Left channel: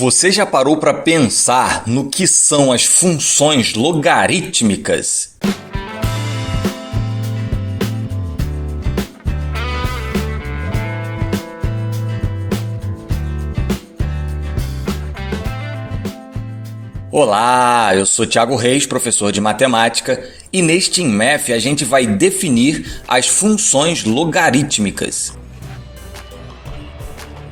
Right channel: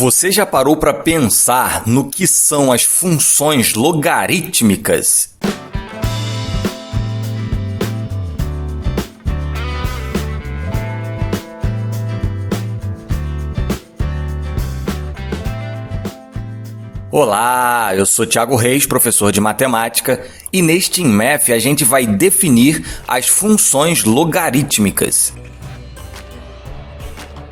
Você já parou para pensar no que são as funções logarítmicas? Olá, eu sou Thiago Reis, professor de matemática, e neste InMath a gente vai definir as funções logarítmicas.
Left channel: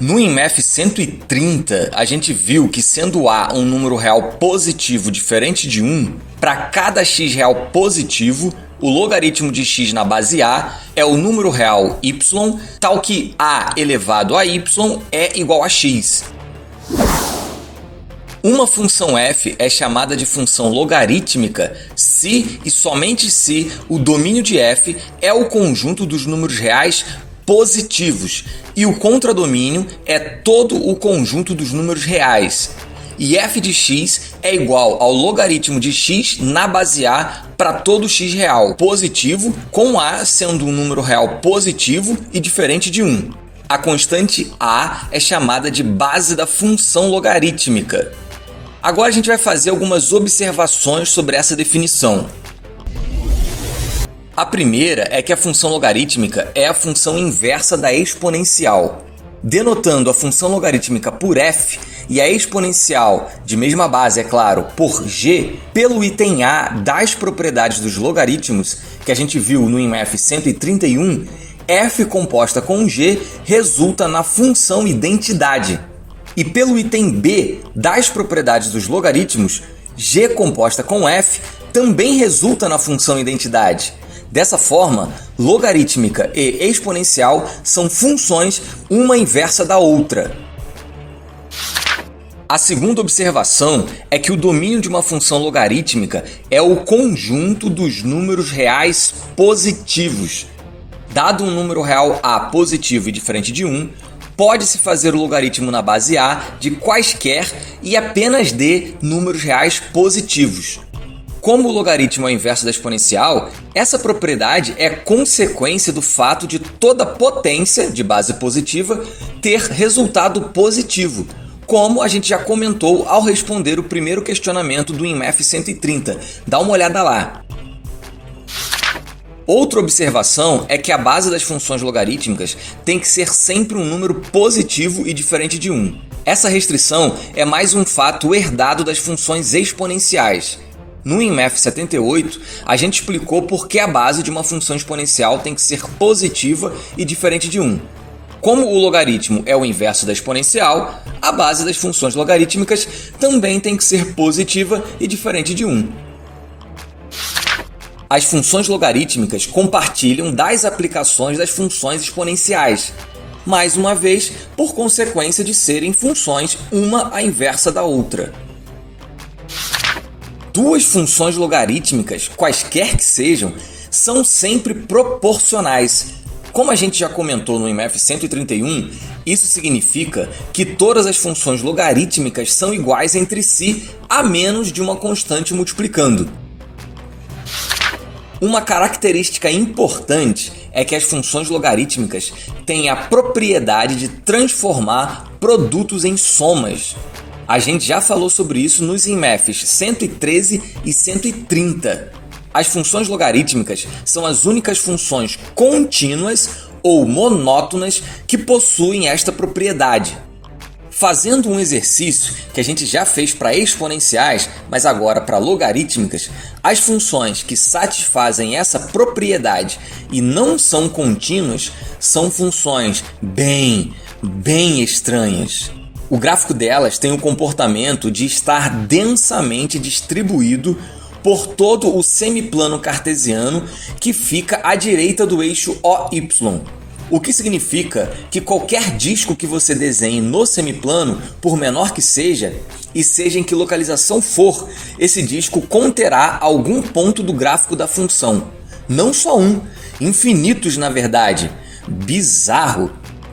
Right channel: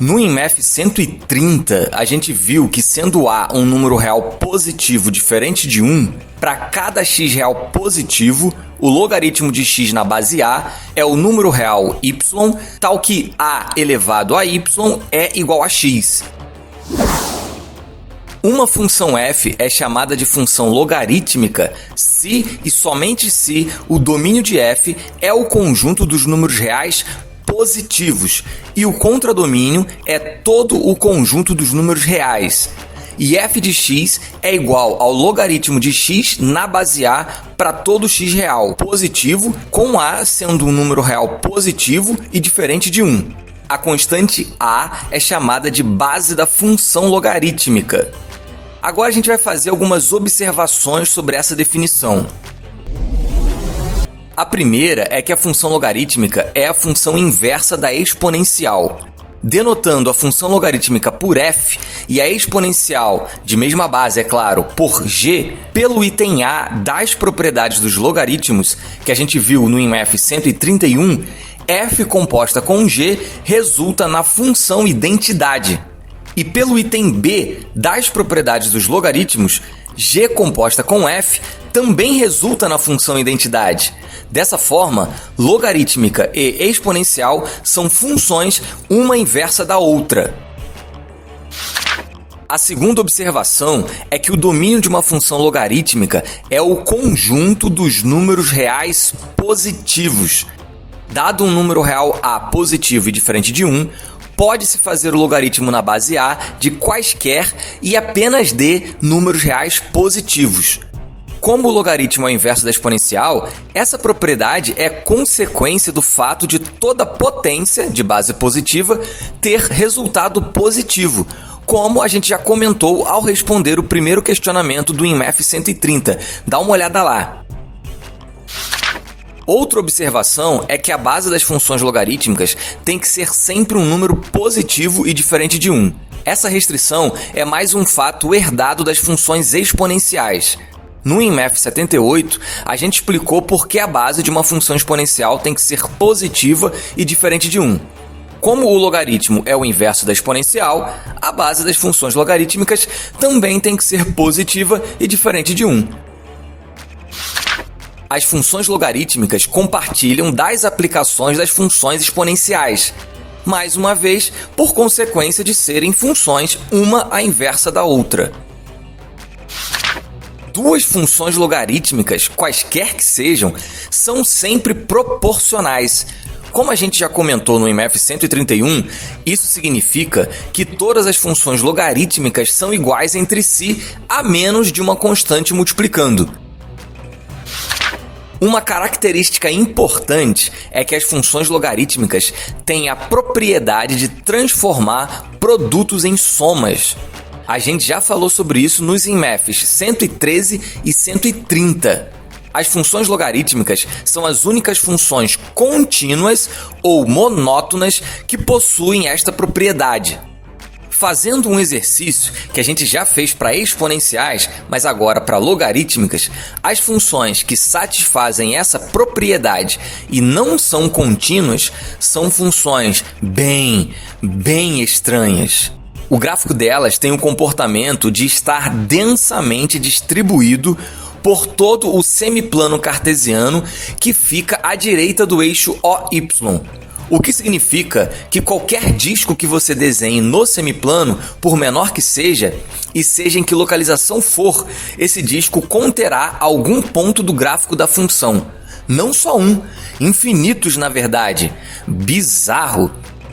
No InMath 130, a gente viu que sendo A um número real positivo diferente de 1, para cada x real positivo, o logaritmo de x na base A é o número real y, tal que A elevado a y é igual a x. Uma função f é chamada de função logarítmica se e somente se o domínio de f é o conjunto dos números reais positivos e o contradomínio é todo o conjunto dos números reais. E f de x é igual ao logaritmo de x na base A para todo x real positivo, com A sendo um número real positivo e diferente de 1. A constante A é chamada de base da função logarítmica. Agora a gente vai fazer algumas observações sobre essa definição. A primeira é que a função logarítmica é a função inversa da exponencial. Denotando a função logarítmica por f e a exponencial, de mesma base, é claro, por g, pelo item A das propriedades dos logaritmos, que a gente viu no InMath 131, f composta com g resulta na função identidade. E pelo item B das propriedades dos logaritmos, g composta com f também resulta na função identidade. Dessa forma, logarítmica e exponencial são funções uma inversa da outra. A segunda observação é que o domínio de uma função logarítmica é o conjunto dos números reais positivos. Dado um número real A positivo e diferente de 1, pode-se fazer o logaritmo na base A de quaisquer e apenas de números reais positivos. Como o logaritmo é o inverso da exponencial, essa propriedade é consequência do fato de toda potência de base positiva ter resultado positivo, como a gente já comentou ao responder o primeiro questionamento do InMath 130. Dá uma olhada lá. Outra observação é que a base das funções logarítmicas tem que ser sempre um número positivo e diferente de 1. Essa restrição é mais um fato herdado das funções exponenciais. No InMath 78, a gente explicou por que a base de uma função exponencial tem que ser positiva e diferente de 1. Como o logaritmo é o inverso da exponencial, a base das funções logarítmicas também tem que ser positiva e diferente de 1. As funções logarítmicas compartilham das aplicações das funções exponenciais, mais uma vez por consequência de serem funções uma a inversa da outra. Duas funções logarítmicas, quaisquer que sejam, são sempre proporcionais. Como a gente já comentou no InMath 131, isso significa que todas as funções logarítmicas são iguais entre si, a menos de uma constante multiplicando. Uma característica importante é que as funções logarítmicas têm a propriedade de transformar produtos em somas. A gente já falou sobre isso nos InMaths 113 e 130. As funções logarítmicas são as únicas funções contínuas ou monótonas que possuem esta propriedade. Fazendo um exercício que a gente já fez para exponenciais, mas agora para logarítmicas, as funções que satisfazem essa propriedade e não são contínuas são funções bem estranhas. O gráfico delas tem o comportamento de estar densamente distribuído por todo o semiplano cartesiano que fica à direita do eixo OY. O que significa que qualquer disco que você desenhe no semiplano, por menor que seja, e seja em que localização for, esse disco conterá algum ponto do gráfico da função. Não só um, infinitos na verdade. Bizarro!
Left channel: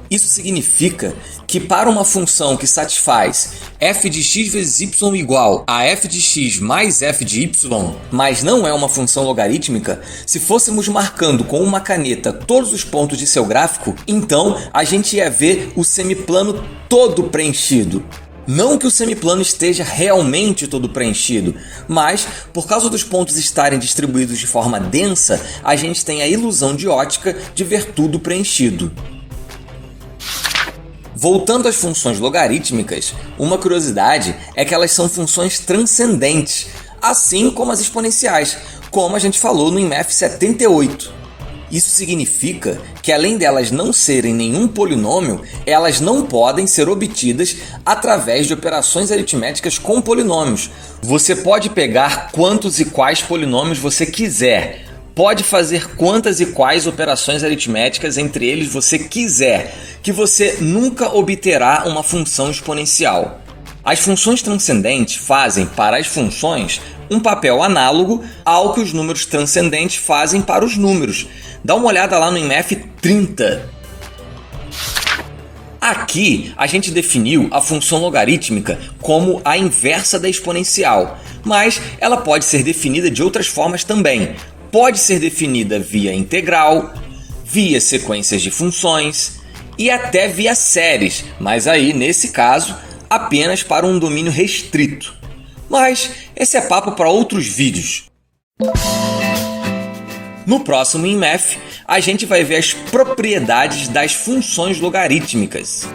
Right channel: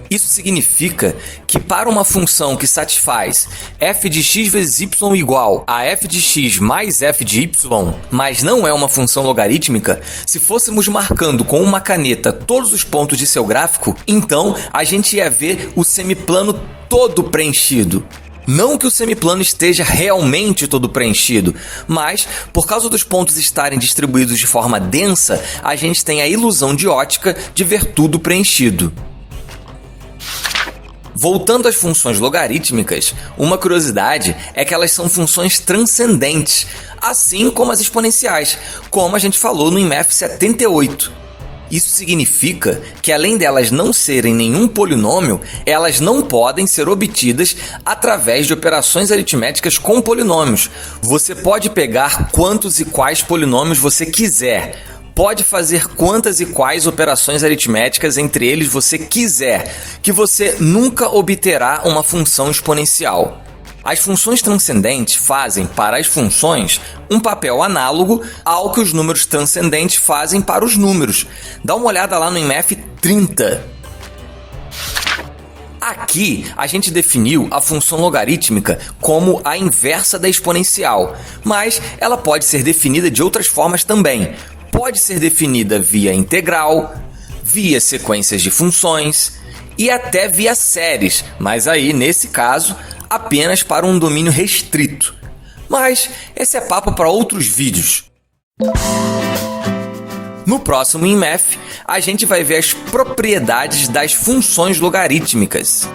Isso significa que para uma função que satisfaz f de x vezes y igual a f de x mais f de y, mas não é uma função logarítmica, se fôssemos marcando com uma caneta todos os pontos de seu gráfico, então a gente ia ver o semiplano todo preenchido. Não que o semiplano esteja realmente todo preenchido, mas por causa dos pontos estarem distribuídos de forma densa, a gente tem a ilusão de ótica de ver tudo preenchido. Voltando às funções logarítmicas, uma curiosidade é que elas são funções transcendentes, assim como as exponenciais, como a gente falou no IMF 78. Isso significa que, além delas não serem nenhum polinômio, elas não podem ser obtidas através de operações aritméticas com polinômios. Você pode pegar quantos e quais polinômios você quiser, pode fazer quantas e quais operações aritméticas entre eles você quiser, que você nunca obterá uma função exponencial. As funções transcendentes fazem para as funções um papel análogo ao que os números transcendentes fazem para os números. Dá uma olhada lá no IMF 30. Aqui a gente definiu a função logarítmica como a inversa da exponencial, mas ela pode ser definida de outras formas também. Pode ser definida via integral, via sequências de funções e até via séries, mas aí, nesse caso, apenas para um domínio restrito. Mas esse é papo para outros vídeos. No próximo IMF, a gente vai ver as propriedades das funções logarítmicas.